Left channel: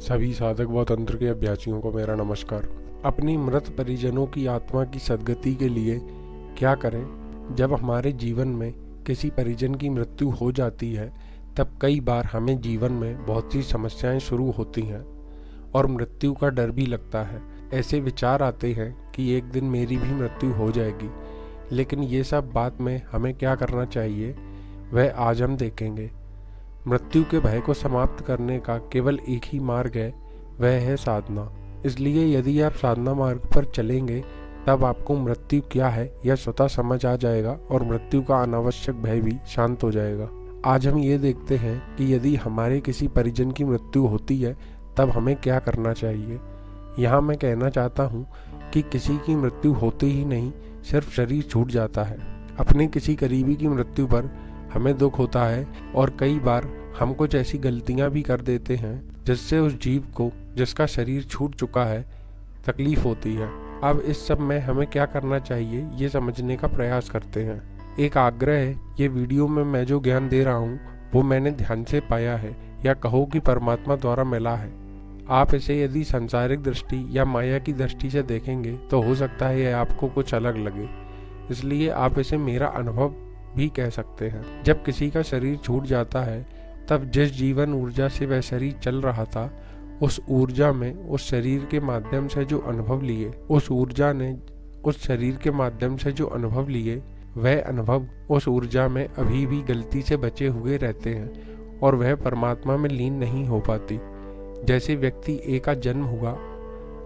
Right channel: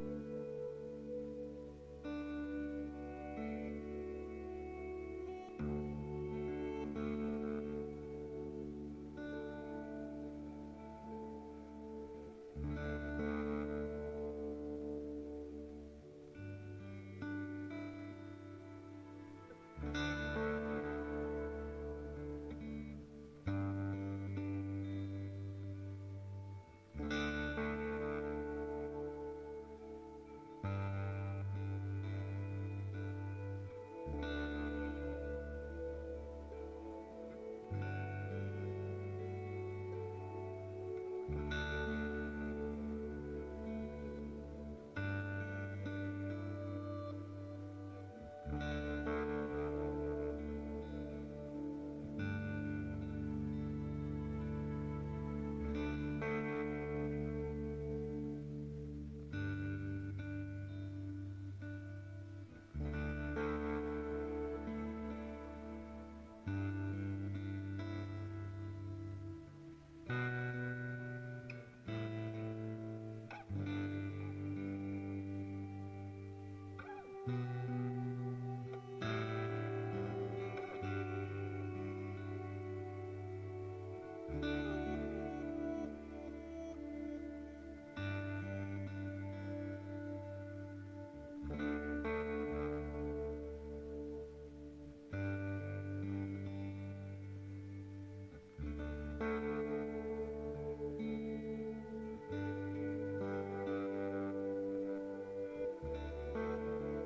सभी साधक व तंत्र के अभ्यासियों को मेरा नमस्कार। अपनी मृत परिजनों की आत्मा की सद्गति के लिए क्या करें? जब हमारे जीवन में किसी परिजन की मृत्यु हो जाती है तब कई बार हमें जीवन में बहुत सी समस्याएं शुरू होती हैं और मृत्यु का डर भी लगता है। ऐसे विचार आते हैं कि एक दिन मेरी भी मृत्यु हो जाएगी, लेकिन ये सब बात में हमें क्या करना चाहिए वह आज हम देखेंगे। मृत्यु के भय को समाप्त करने का केवल एक ही मार्ग है, वह है साधना। इसलिए यदि आप साधना मार्ग पर चलेंगे तब आपको मृत्यु क्या है यह स्वतः समझ आ जाएगा और मृत्यु का अनावश्यक भय भी शांत हो जाएगा। आज हम ये देखते हैं कि यदि हमारे किसी परिजन की मृत्यु होती है तब हमें क्या करना चाहिए। यहाँ मैं कहना चाहता हूँ कि किसी की मृत्यु होते ही नहीं, सिर्फ शरीर छूट जाता है। अपने किसी करीबी की मृत्यु पर हमें दुख होता है और कई बार हम कुछ ऐसी गलतियां भी कर देते हैं जिससे उस जीव को, जिसका शरीर छूट चुका है, तकलीफ होती है। अब इस सब में हमें क्या करना चाहिए ये समझने का प्रयास करते हैं। एक आग्रह है, ये वीडियो में मैं जो ज्ञान दे रहा हूँ वो मैंने ध्यान से पाया है या कहो कि परमात्मा द्वारा मिला है। आप इसे यदि सांसारिक दृष्टि या माया की दृष्टि से देखेंगे तो हो सकता है यह आपको कुछ अलग लगे, इसलिए आप इसे मेरा अनुभव भी कह सकते हैं। जब किसी का शरीर छूट जाता है तब जिस जीवन ऊर्जा से वह शरीर चल रहा था, उस ऊर्जा में उस शरीर के माध्यम से जो अनुभव लिए, उस ऊर्जा ने उस शरीर के माध्यम से जो अनुभव लिए, वह अनुभव उस ऊर्जा में अभी भी गलती से बचे हुए रहते हैं और वह परमात्मा में लीन नहीं हो पाती। जैसे व्यक्ति ए का जन्म हुआ,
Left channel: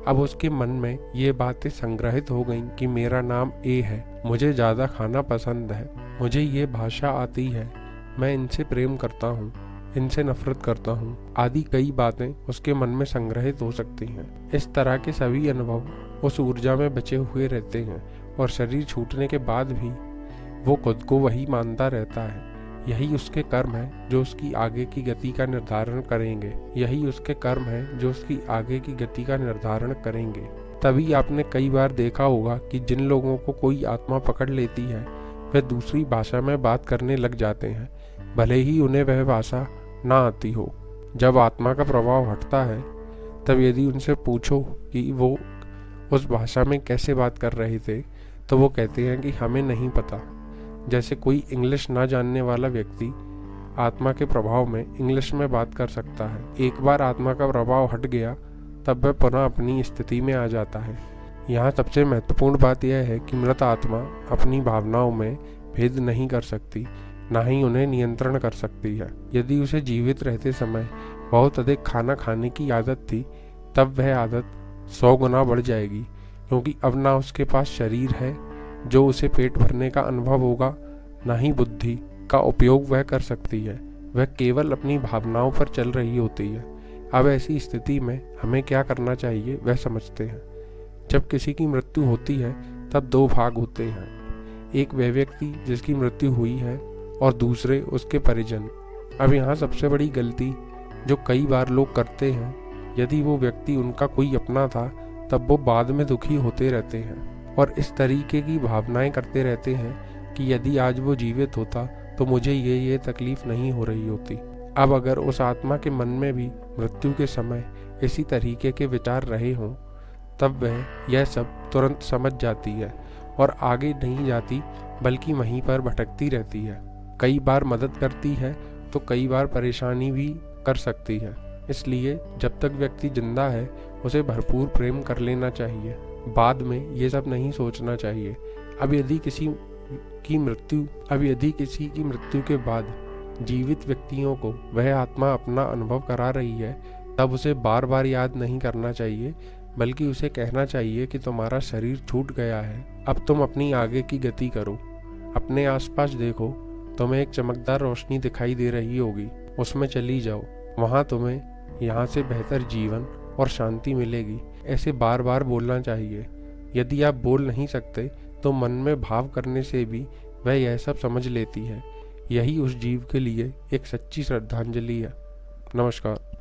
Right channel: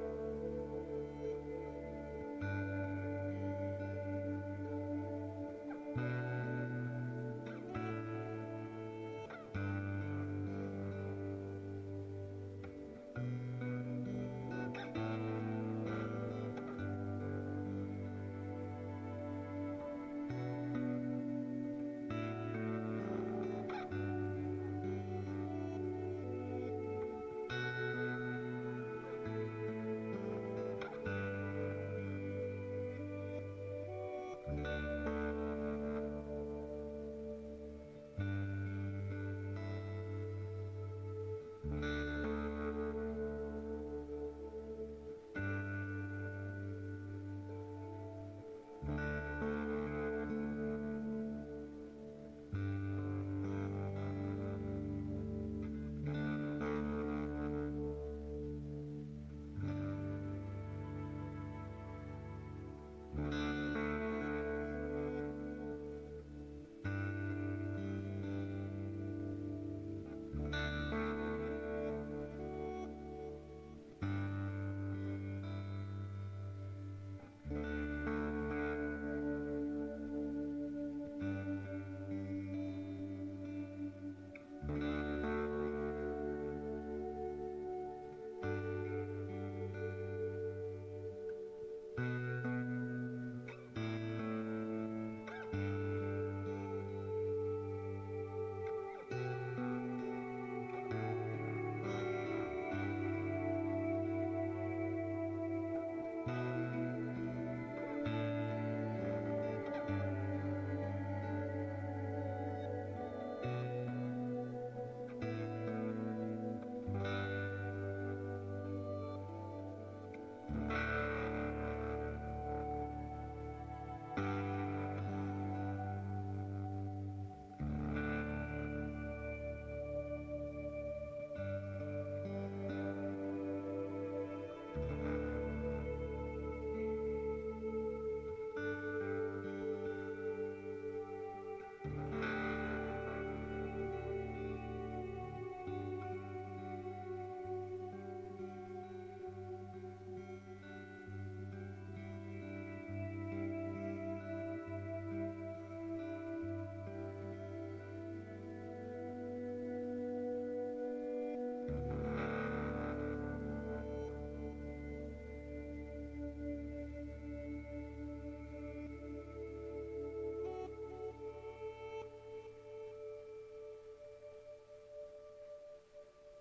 अब उसके मन में ये बातें संग्रहित हो गईं कि मेरा नाम ए है, मुझे ज़्यादा खाना पसंद है, मुझे ये भाषा आती है, मैं इनसे प्रेम करता हूँ, इनसे नफरत करता हूँ, आदि कई बातें उसके मन में संग्रहित हो सकती हैं। इस तरह के सभी अनुभव उस ऊर्जा में बचे हुए रहते हैं और शरीर छूटने के बाद भी वो खुद को वही मानता रहता है। यही उसके कर्म है जो उसकी आगे की गति का निर्धारण करेंगे। यही उसके कर्म है जो उसकी आगे की गति का निर्धारण करेंगे। तभी आपने कई बार देखा होगा कि जिन लोगों को कोई आत्मा पकड़ लेती है वे दूसरी भाषा में बात करने लग जाते हैं, भले ही उन्हें वह भाषा ना आती हो। जब आत्मा का प्रभाव हटता है तब यदि उनसे पूछो कि वो उस भाषा में कैसे बात कर रहे थे तो वो कहते हैं कि हमें नहीं पता। जैसे कोई इंग्लिश ना जानने वाला व्यक्ति आत्मा के प्रभाव में इंग्लिश में बात कर सकता है। एक बार आत्मा का प्रभाव हट गया तब वह पुनः अपनी स्थिति में आ जाता है। यहाँ सबसे महत्वपूर्ण बात यह है कि मृत आत्मा अपनी भावनाओं में भेद नहीं कर सकती, ना ही उन्हें नियंत्रण कर सकती है। यदि उसे जीवित रहते समय बहुत अधिक खाना खाने की आदत थी तब वह आदत 100 गुना बढ़ जाएगी, क्योंकि अब ना उसके पास शरीर है जो उसे पेट भरने का अनुभव होगा, ना ही बुद्धि का उपयोग वह कर सकती है। वह केवल अपनी भावनाओं पर चल रही होती है। अब ऐसी स्थिति में हमें क्या करना चाहिए वह समझते हैं। जब किसी की मृत्यु होती है तब दो भाग होते हैं, एक वह व्यक्ति जिसकी मृत्यु हुई है और दूसरे उसके परिजन। अब यहाँ सबसे बड़ी गलती जो कई बार लोग करते हैं, यदि वो व्यक्ति उनका कोई अपना था तब वो बाद में दुखी होते रहते हैं और इस तरीके की भावनाएं करते रहते हैं कि यदि आज वो जीवित होता तो मुझे ये तकलीफ नहीं हो रही होती। अब अगर उस आत्मा के मन में भी मृत्यु के समय इसी तरीके के विचार रहे हों तब वह यह सब तुरंत समझ जाती है और आगे नहीं जाती, बल्कि वहीं पर भटकती रहती है। कई बार मदद करती है तो कई बार परेशानी भी कर सकती है। इसलिए जब तक व्यक्ति जिंदा है उसे भरपूर प्रेम कर लेना चाहिए, बाद में ये सब नहीं सोचना चाहिए। अब यदि किसी की मृत्यु के बाद जीवित व्यक्तियों को वह आत्मा अपना अनुभव करा रही है तब उसे बार बार याद नहीं करना चाहिए, बल्कि उसे कहना चाहिए कि तुम्हारा शरीर छूट गया है, अब तुम अपनी आगे की गति करो। अपने आसपास देखो, तुम्हें एक चमकदार रोशनी दिखाई दे रही होगी, उसमें चली जाओ, वहाँ तुम्हें यहाँ से बेहतर जीवन और शांति मिलेगी। ऐसे बार बार बोलना चाहिए। यदि आप बोल नहीं सकते तो मन में भाव करने से भी वह यह सब समझ लेती है। यही उस जीव के लिए एक सच्ची श्रद्धांजलि है। नमस्कार।